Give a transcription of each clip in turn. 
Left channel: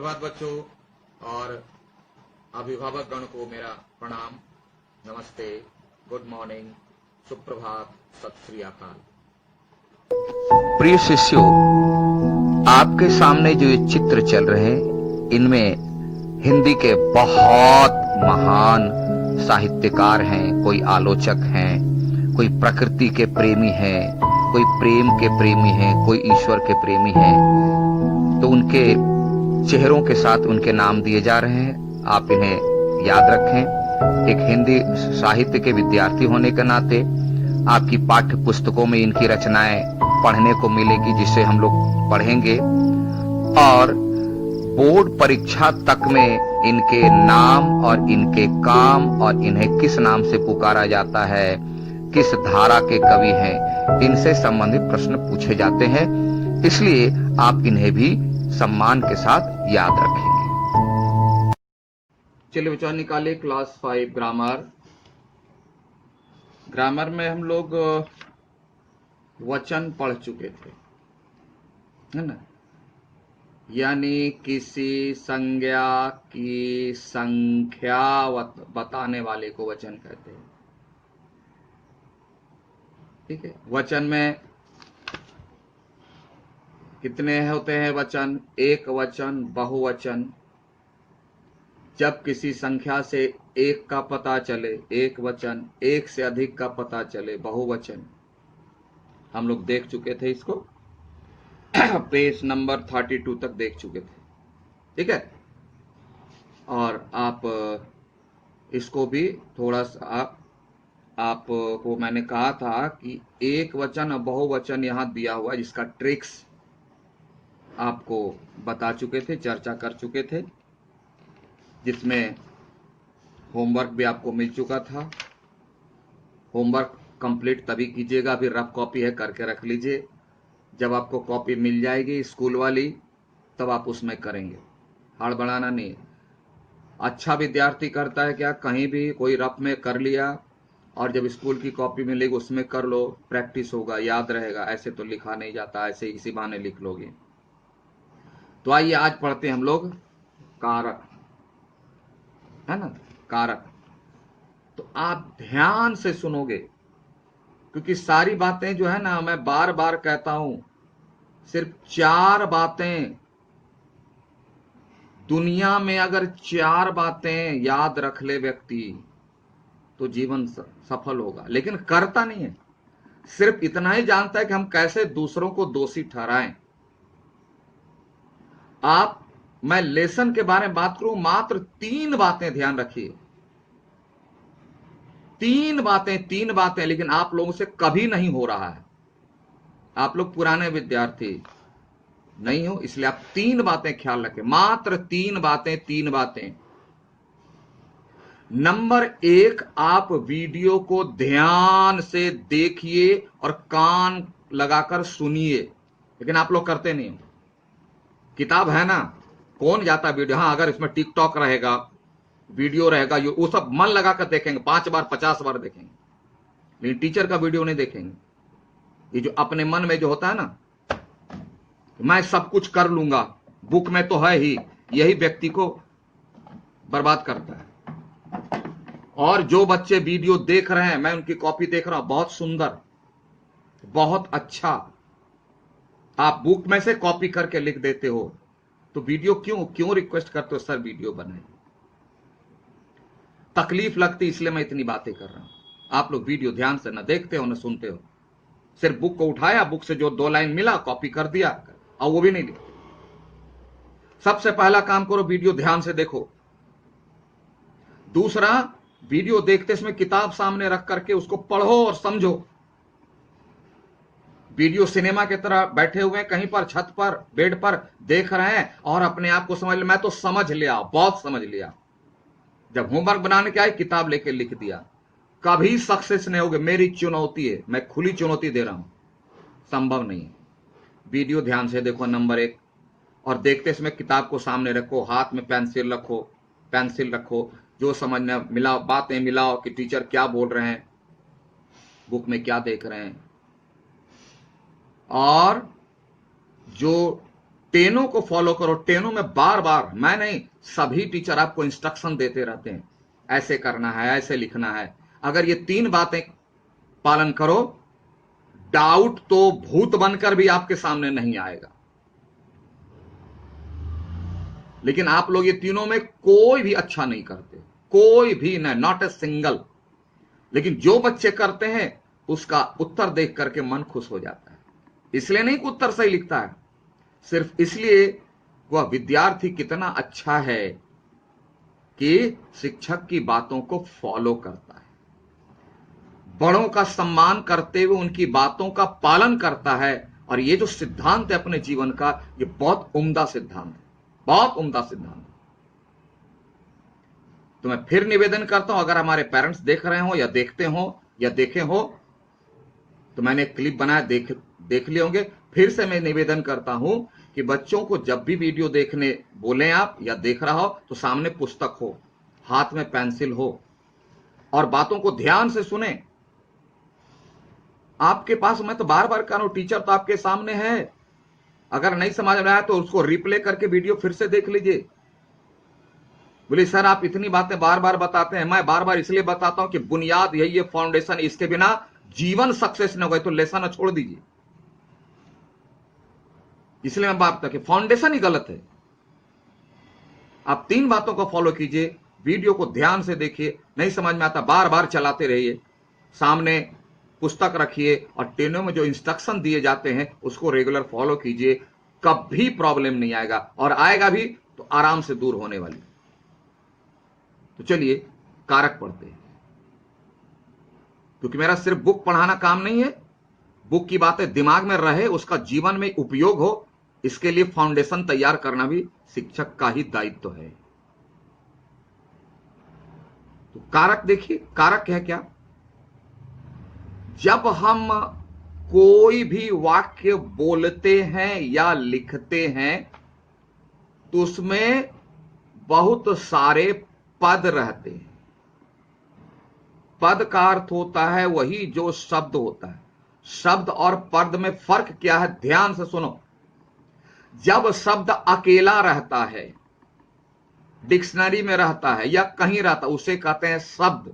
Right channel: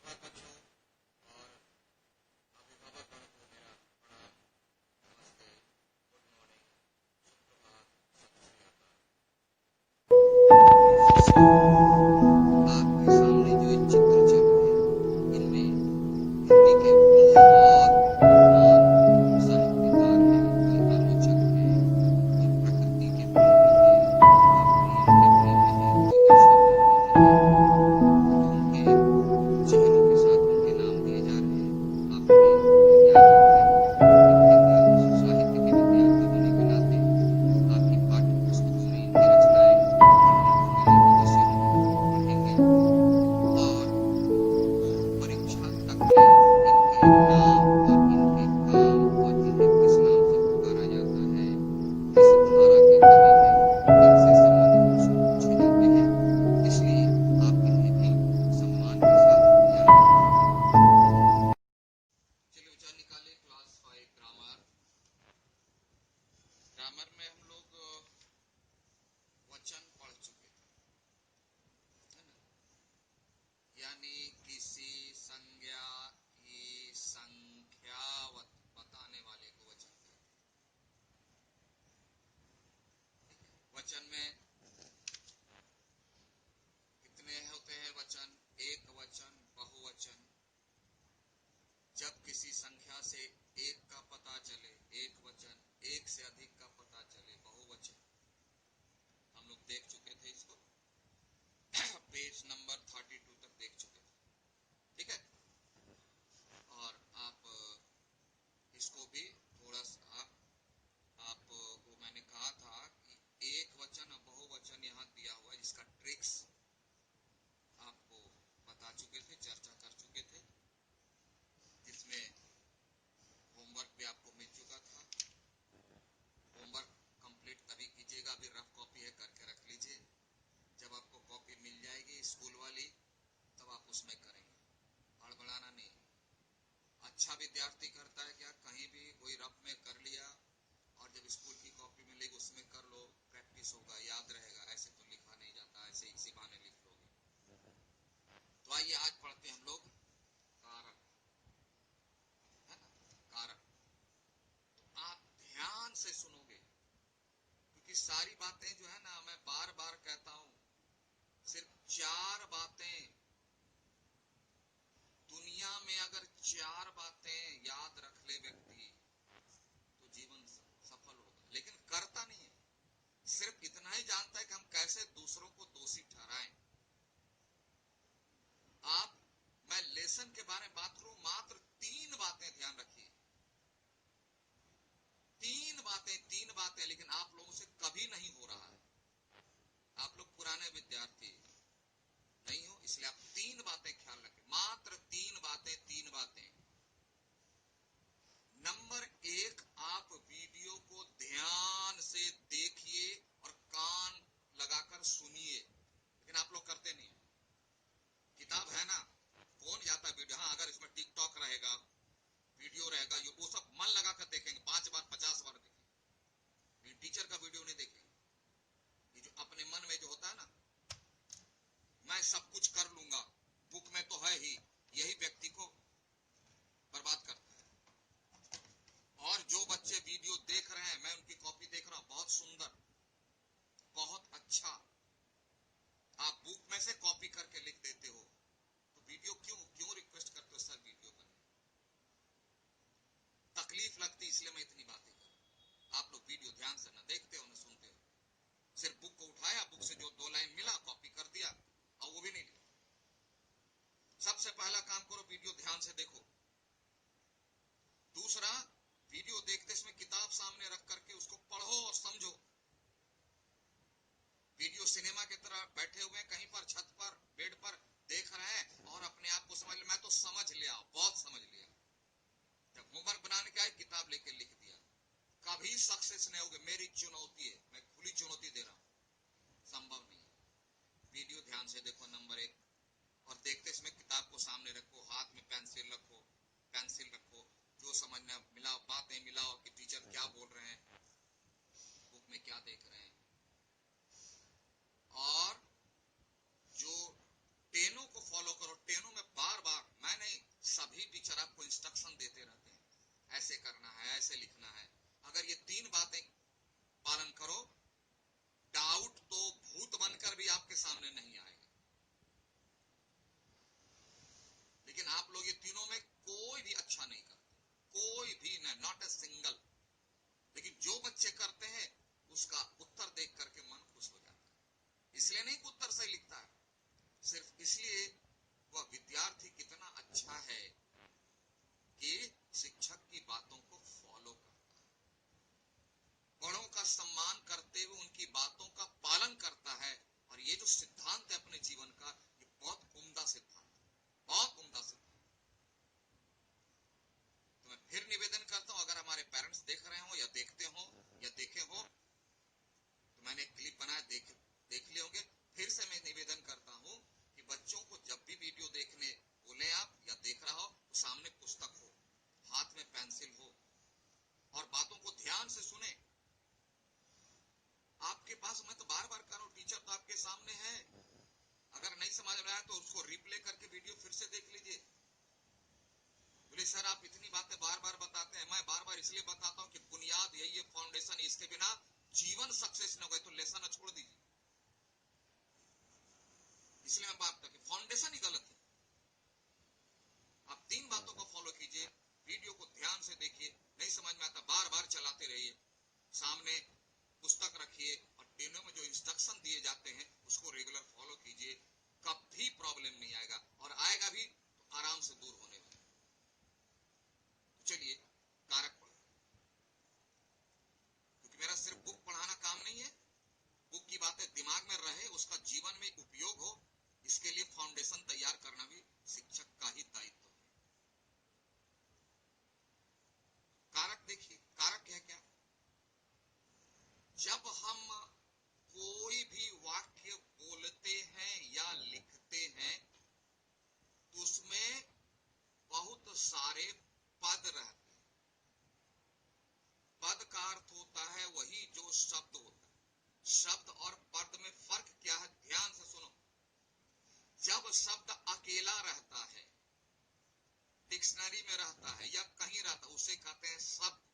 सुप्रभात बच्चों और अभिभावक गण को मेरा प्रणाम, नमस्ते, गुड मॉर्निंग, सुप्रभात, सत श्री अकाल। प्रिय शिष्यों, आपके सामने जो ये चित्र चल रहे हैं, इनमें हिंदी के बहुत महान साहित्यकार हैं, कोई आलोचक हैं, कोई प्रकृति के प्रेमी हैं, कोई प्रेम के प्रेमी हैं, कोई ईश्वर के प्रेमी हैं। तो उनके चेहरों के साथ उनके नाम दिए जा रहे हैं, आप इन्हें याद रखें। एक हिंदी साहित्य के विद्यार्थी होने के नाते आपकी पाठ्य पुस्तकों में इनकी रचनाएं पढ़ने को मिलेगी, जिसे हम लोग पढ़ेंगे और बोर्ड परीक्षा तक में इनके नाम और इनके काम और इन्हें किस नाम से पुकारा जाता है, किस धारा के कवि हैं, इनसे संबंधित प्रश्न पूछे जाते हैं। इसलिए आप इन्हें भी सम्मान के साथ याद रखेंगे। चलिए बच्चों, निकालिए क्लास 5 ग्रामर। ग्रामर में हम लोग वचन पढ़ चुके थे, है ना। यानी किसी संज्ञा की संख्या बताने वाले को वचन कहते हैं। ठीक है, वचन में कितने होते हैं वचन? एक वचन, बहुवचन। जब किसी संख्या से एक का पता चले एक वचन, एक से अधिक का पता चले बहुवचन। हम लोग देख चुके थे इसको पेज नंबर 32 तक देख चुके थे। ठीक है, और आप इसको भी थोड़ा सा आपको मैंने कहा था कि एक वचन और बहुवचन यहां दिया हुआ है, जिसका ट्रिक्स आपको बता चुके थे, चर्चा कर चुके थे, जिसमें होमवर्क भी आपको मिल चुका था। होमवर्क कंप्लीट तभी कीजिएगा, अभी रफ कॉपी है, करके रख लीजिए। जब आपको कॉपी मिल जाएगी स्कूल वाली, तब आप उसमें करेंगे, हड़बड़ाना नहीं। अच्छा विद्यार्थी करता है क्या, कहीं भी कोई रफ में कर लिया और जब स्कूल की कॉपी मिलेगी उसमें कर लो, प्रैक्टिस होगा, याद रहेगा। ऐसे तो लिखा नहीं जाता, ऐसे इसी बहाने लिख लोगे। तो आइए आज पढ़ते हैं हम लोग कारक, है ना, कारक। तो आप ध्यान से सुनोगे, क्योंकि सारी बातें जो है ना, मैं बार बार कहता हूं, सिर्फ 4 बातें दुनिया में, अगर 4 बातें याद रख ले व्यक्ति तो जीवन सफल होगा। लेकिन करता नहीं है, सिर्फ इतना ही जानता है कि हम कैसे दूसरों को दोषी ठहराएं। मैं लेसन के बारे में बात करूं, मात्र 3 बातें ध्यान रखिए। 3 बातें, लेकिन आप लोगों से कभी नहीं हो रहा है। आप लोग पुराने विद्यार्थी नहीं हो, इसलिए आप 3 बातें ख्याल रखें, मात्र 3 बातें। नंबर 1, आप वीडियो को ध्यान से देखिए और कान लगाकर सुनिए। लेकिन आप लोग करते नहीं। किताब है ना, कौन जाता वीडियो? हाँ, अगर इसमें टिकटॉक रहेगा, वीडियो रहेगा, वो सब मन लगाकर देखेंगे, 5 बार 50 बार देखेंगे, लेकिन टीचर का वीडियो नहीं देखेंगे। ये जो अपने मन में जो होता है ना, मैं सब कुछ कर लूंगा, बुक में तो है ही, यही व्यक्ति को बर्बाद करता है। और जो बच्चे वीडियो देख रहे हैं, मैं उनकी कॉपी देख रहा हूं, बहुत सुंदर, बहुत अच्छा, आप बुक में से कॉपी करके लिख देते हो, तो वीडियो क्यों रिक्वेस्ट करते हो सर वीडियो बनाए? तकलीफ लगती, इसलिए मैं इतनी बातें कर रहा हूं। आप लोग वीडियो ध्यान से न देखते हो न सुनते हो, सिर्फ बुक को उठाया, बुक से जो 2 लाइन मिला कॉपी कर दिया, और वो भी नहीं लिखते। सबसे पहला काम करो, वीडियो ध्यान से देखो। दूसरा, वीडियो देखते समय किताब सामने रख करके उसको पढ़ो और समझो। वीडियो सिनेमा की तरह बैठे हुए कहीं पर छत पर बेड पर देख रहे हैं और अपने आप को समझ ले, मैं तो समझ लिया, बहुत समझ लिया। जब होमवर्क बनाने के आए, किताब लेके लिख दिया, कभी सक्सेस नहीं होगे। मेरी चुनौती है, मैं खुली चुनौती दे रहा हूं, संभव नहीं है। वीडियो ध्यान से देखो, नंबर 1। और देखते समय किताब को सामने रखो, हाथ में पेंसिल रखो, जो समझना मिलाओ, बातें मिलाओ कि टीचर क्या बोल रहे हैं, बुक में क्या देख रहे हैं। और जो टेनों को फॉलो करो। टेनों में बार बार, मैं नहीं, सभी टीचर आपको इंस्ट्रक्शन देते रहते हैं, ऐसे करना है, ऐसे लिखना है। अगर ये 3 बातें पालन करो, डाउट तो भूत बनकर भी आपके सामने नहीं आएगा। लेकिन आप लोग ये तीनों में कोई भी अच्छा नहीं करते, कोई भी नहीं, नॉट ए सिंगल। लेकिन जो बच्चे करते हैं उसका उत्तर देख करके मन खुश हो जाता है। इसलिए नहीं कि उत्तर सही लिखता है, सिर्फ इसलिए वह विद्यार्थी कितना अच्छा है कि शिक्षक की बातों को फॉलो करता है, बड़ों का सम्मान करते हुए उनकी बातों का पालन करता है। और ये जो सिद्धांत है अपने जीवन का, ये बहुत उम्दा सिद्धांत है, बहुत उम्दा सिद्धांत है। तो मैं फिर निवेदन करता हूं, अगर हमारे पेरेंट्स देख रहे हो या देखते हो या देखे हो, तो मैंने एक क्लिप बनाया, देख लिए होंगे। फिर से मैं निवेदन करता हूं कि बच्चों को जब भी वीडियो देखने बोले आप या देख रहा हो, तो सामने पुस्तक हो, हाथ में पेंसिल हो, और बातों को ध्यान से सुने। आपके पास, मैं तो बार बार कह रहा हूं, टीचर तो आपके सामने है। अगर नहीं समझ में आया तो उसको रिप्ले करके वीडियो फिर से देख लीजिए। बोले सर आप इतनी बातें बार बार बताते हैं। मैं बार बार इसलिए बताता हूं कि बुनियाद यही है, फाउंडेशन, इसके बिना जीवन सक्सेस न हो गए तो लेसन छोड़ दीजिए। इसलिए मैं बात कि फाउंडेशन ही गलत है। आप 3 बातों को फॉलो कीजिए, वीडियो को ध्यान से देखिए, नहीं समझ में आता बार बार चलाते रहिए, सामने पुस्तक रखिए और टेनों में जो इंस्ट्रक्शन दिए जाते हैं उसको रेगुलर फॉलो कीजिए। कभी प्रॉब्लम नहीं आएगा, और आएगा भी तो आराम से दूर होने वाली। तो चलिए कारक पढ़ते हैं, क्योंकि मेरा सिर्फ बुक पढ़ाना काम नहीं है, बुक की बातें दिमाग में रहे, उसका जीवन में उपयोग हो, इसके लिए फाउंडेशन तैयार करना भी शिक्षक का ही दायित्व है। तो कारक देखिए, कारक है क्या? जब हम कोई भी वाक्य बोलते हैं या लिखते हैं तो उसमें बहुत सारे पद रहते हैं। पद का अर्थ होता है वही जो शब्द होता है। शब्द और पद में फर्क क्या है, ध्यान से सुनो। जब शब्द अकेला रहता है, डिक्शनरी में रहता है या कहीं रहता है, उसे कहते हैं शब्द।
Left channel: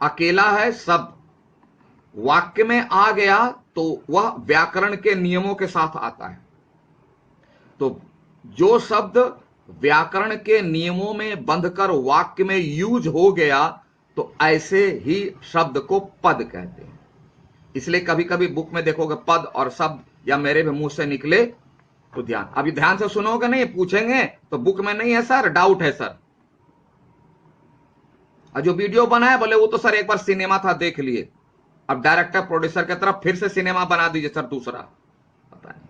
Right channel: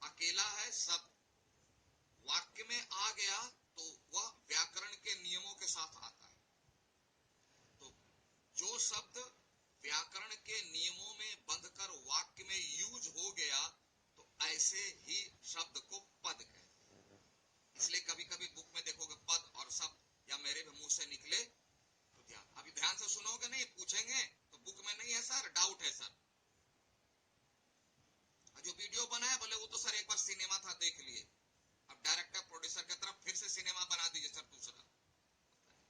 अकेला है शब्द, वाक्य में आ गया तो वह व्याकरण के नियमों के साथ आता है। तो जो शब्द व्याकरण के नियमों में बंधकर वाक्य में यूज हो गया, तो ऐसे ही शब्द को पद कहते हैं। इसलिए कभी कभी बुक में देखोगे पद और शब्द या मेरे भी मुंह से निकले, तो ध्यान, अभी ध्यान से सुनोगे, नहीं पूछेंगे तो बुक में नहीं है सर, डाउट है सर। और जो वीडियो बनाया बोले वो तो सर एक बार सिनेमा था देख लिए, अब डायरेक्टर प्रोड्यूसर की तरफ फिर से सिनेमा बना दीजिए सर दूसरा, पता नहीं।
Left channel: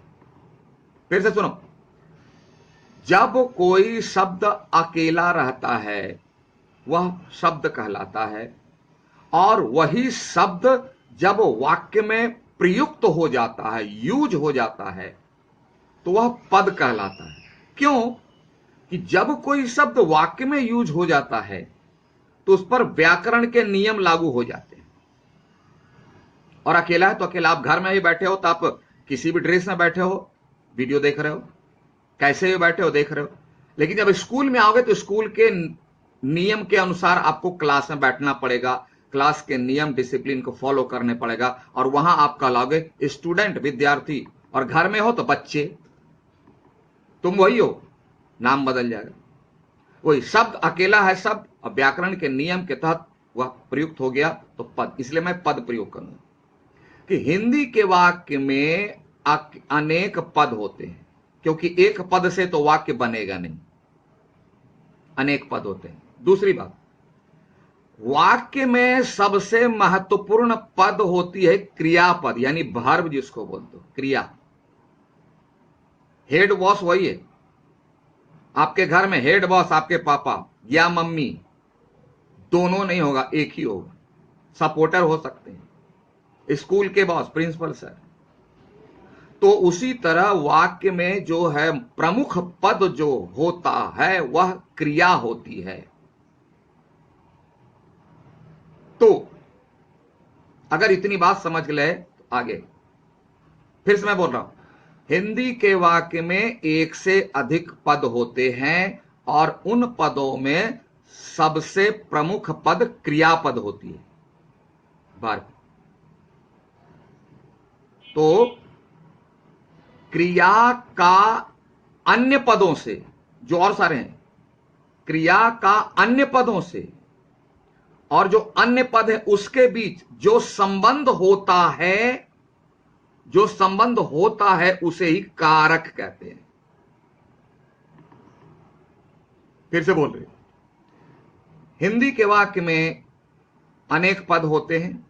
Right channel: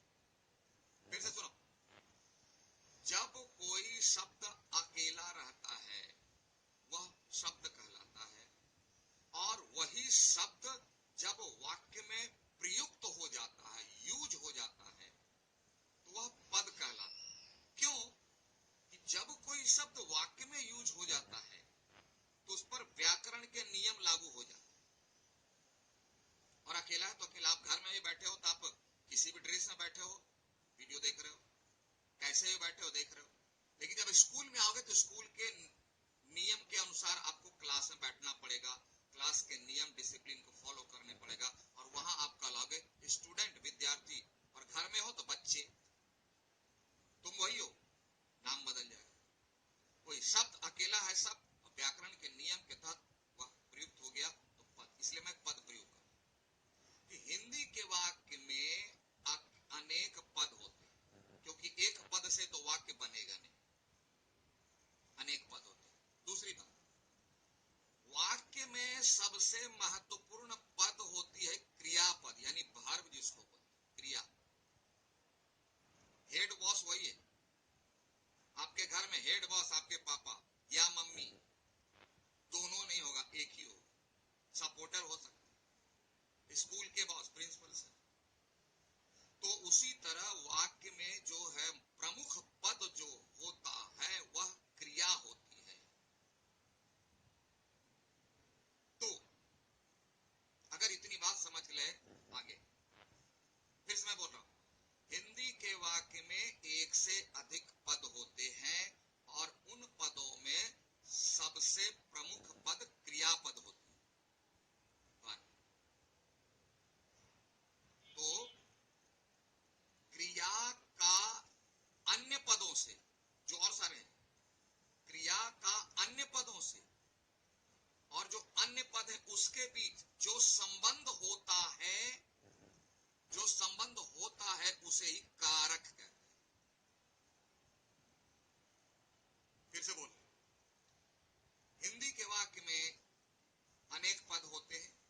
फिर से सुनो, जब कोई शब्द अकेला रहता है वह शब्द कहलाता है, और वही शब्द जब वाक्य में प्रयुक्त हो जाता है, यूज हो जाता है, तो वह पद कहलाता है। क्यों? कि जब कोई शब्द वाक्य में यूज हो जाता है तो उस पर व्याकरण के नियम लागू हो जाते हैं। और अकेला है तो अकेला, आप घर में ही बैठे हो तो आप किसी भी ड्रेस में बैठे हो, वीडियो देख रहे हो, कैसे भी बैठे हो देख रहे हो। लेकिन जब स्कूल में आओगे तो स्कूल के नियम के अनुसार आपको क्लास में बैठना पड़ेगा, क्लास के नियम डिसिप्लिन को फॉलो करने पड़ेगा, और वहां आप कहलाओगे स्टूडेंट, विद्यार्थी। और घर में हो तो बच्चे, तुम वही हो, नाम बदल जाएगा। वही शब्द अकेला है शब्द, और व्याकरण के नियम के तहत वह प्रयुक्त हो गया तो पद। इसलिए मैं पद प्रयोग करूंगा कि हिंदी के वाक्य में अनेक पद होते हैं, क्योंकि एक पद से तो वाक्य बनेगा नहीं, अनेक पद होते हैं। दूसरी बात, वाक्य में सबसे महत्वपूर्ण पद होती है क्रियापद, यानी वर्ब, जिसको बोलते हो क्रिया। हेड बॉस वही है, आपके घर में हेड बॉस आपके पापा या मम्मी, दोनों नहीं होगा, एक ही होगा। सपोर्टर हो सकते हैं, स्कूल के बॉस प्रिंसिपल सर। तो उसी तरह वाक्य में जो है प्रमुख पद जो होता है वह क्रिया होती है। तो अगर इतनी बात समझ ले तो आगे फिर से मैं बोल रहा हूं, हिंदी के वाक्य में एक से अधिक पद होते हैं और उन पदों में सबसे प्रमुख पद क्रियापद होती है। बार तो क्रिया का अन्य पदों से, जो और सारे हैं, क्रिया का अन्य पदों से और जो अन्य पद है उसके बीच जो संबंध होता है, जो संबंध होता है उसे ही कारक कहते हैं। फिर से बोल रहे, हिंदी के वाक्य में अनेक पद होते हैं,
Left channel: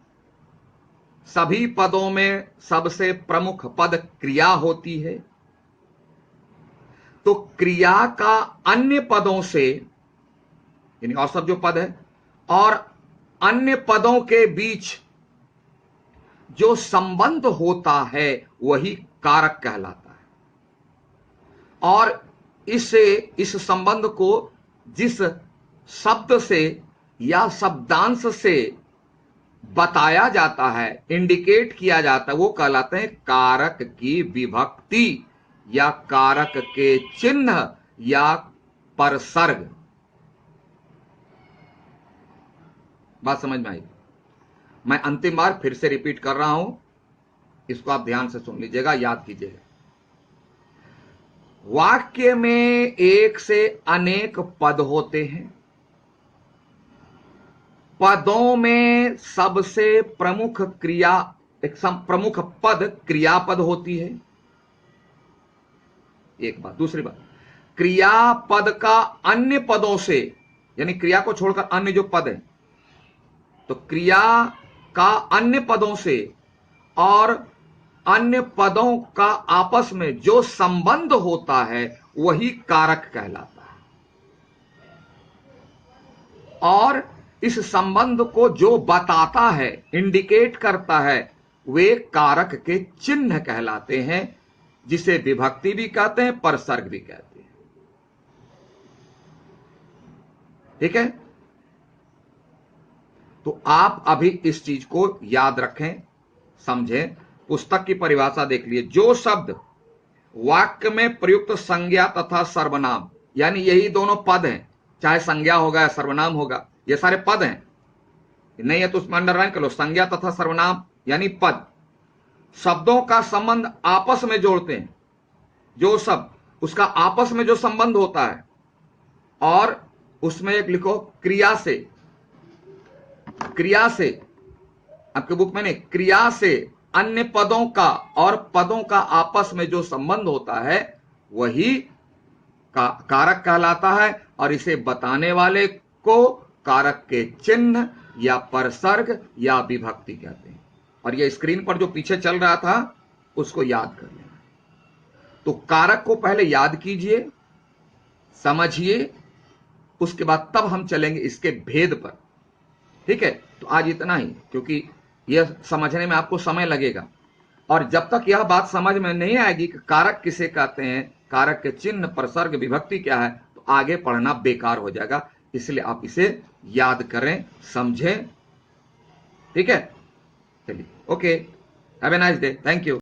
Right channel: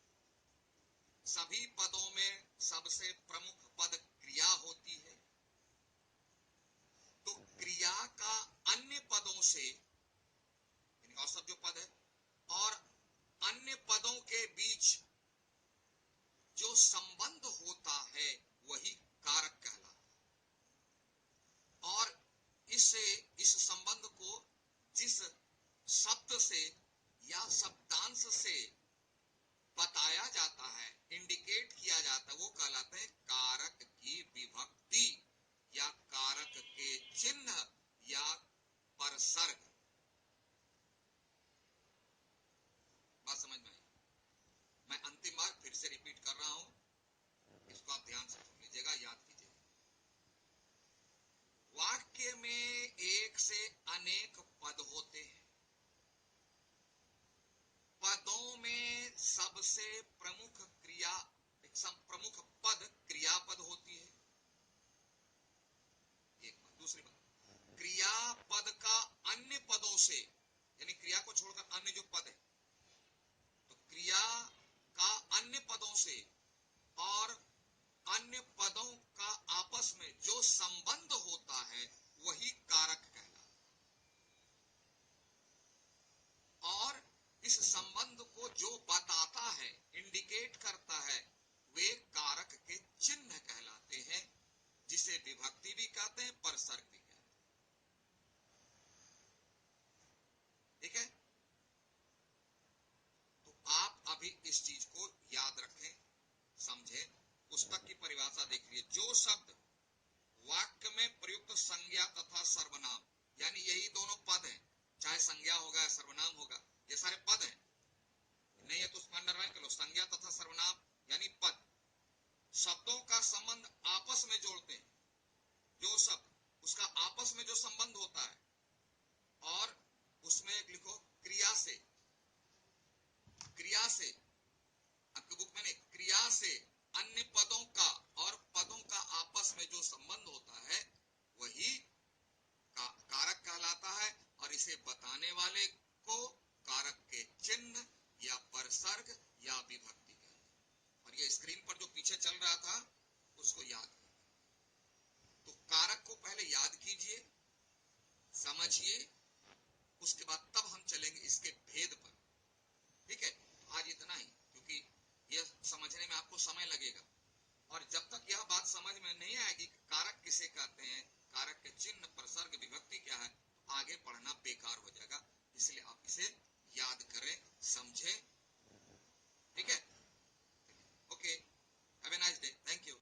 सभी पदों में सबसे प्रमुख पद क्रिया होती है। तो क्रिया का अन्य पदों से, यानी और सब जो पद है, और अन्य पदों के बीच जो संबंध होता है वही कारक कहलाता है। और इस संबंध को जिस शब्द से या शब्दांश से बताया जाता है, इंडिकेट किया जाता है, वो कहलाते हैं कारक की विभक्ति या कारक के चिन्ह या परसर्ग। बात समझ में आई? मैं अंतिम बार फिर से रिपीट कर रहा हूं, इसको आप ध्यान से सुन लीजिएगा, याद कीजिएगा। वाक्य में एक से अनेक पद होते हैं, पदों में सबसे प्रमुख क्रिया, एक प्रमुख पद क्रियापद होती है। एक बात। दूसरी बात, क्रियापद का अन्य पदों से, यानी क्रिया को छोड़कर अन्य जो पद है, तो क्रिया का अन्य पदों से और अन्य पदों का आपस में जो संबंध होता है वही कारक कहलाता है। और इस संबंध को जो बताता है, इंडिकेट करता है, वे कारक के चिन्ह कहलाते हैं, जिसे विभक्ति भी कहते हैं, परसर्ग भी कहते हैं। ठीक है? तो आप अभी इस चीज को याद रखें, समझें। पुस्तक की परिभाषा देख लिए, जो शब्द वाक्य में प्रयुक्त संज्ञा तथा सर्वनाम, यानी यही दोनों पद हैं, चाहे संज्ञा होगा या सर्वनाम होगा, ये सारे पद हैं, नहीं है तो उसमें अंडरलाइन कर लो, संज्ञा तथा सर्वनाम यानी पद, शब्दों का संबंध आपस में जोड़ते हैं, जो शब्द उसका आपस में जो संबंध होता है, और उसमें एक लिखो क्रिया से, क्रिया से, आपके बुक में नहीं, क्रिया से अन्य पदों का और पदों का आपस में जो संबंध होता है वही कारक कहलाता है, और इसे बताने वाले को कारक के चिन्ह या परसर्ग या विभक्ति कहते हैं। और ये स्क्रीन पर जो पीछे चल रहा था उसको याद कर लेना। तो कारक को पहले याद कीजिए, समझिए, उसके बाद तब हम चलेंगे इसके भेद पर। ठीक है? तो आज इतना ही, क्योंकि यह समझने में आपको समय लगेगा, और जब तक यह बात समझ में नहीं आएगी कि कारक किसे कहते हैं, कारक के चिन्ह, परसर्ग, विभक्ति क्या है, तो आगे पढ़ना बेकार हो जाएगा। इसलिए आप इसे याद करें, समझें। ठीक है? चलिए, okay, have a nice day, thank you.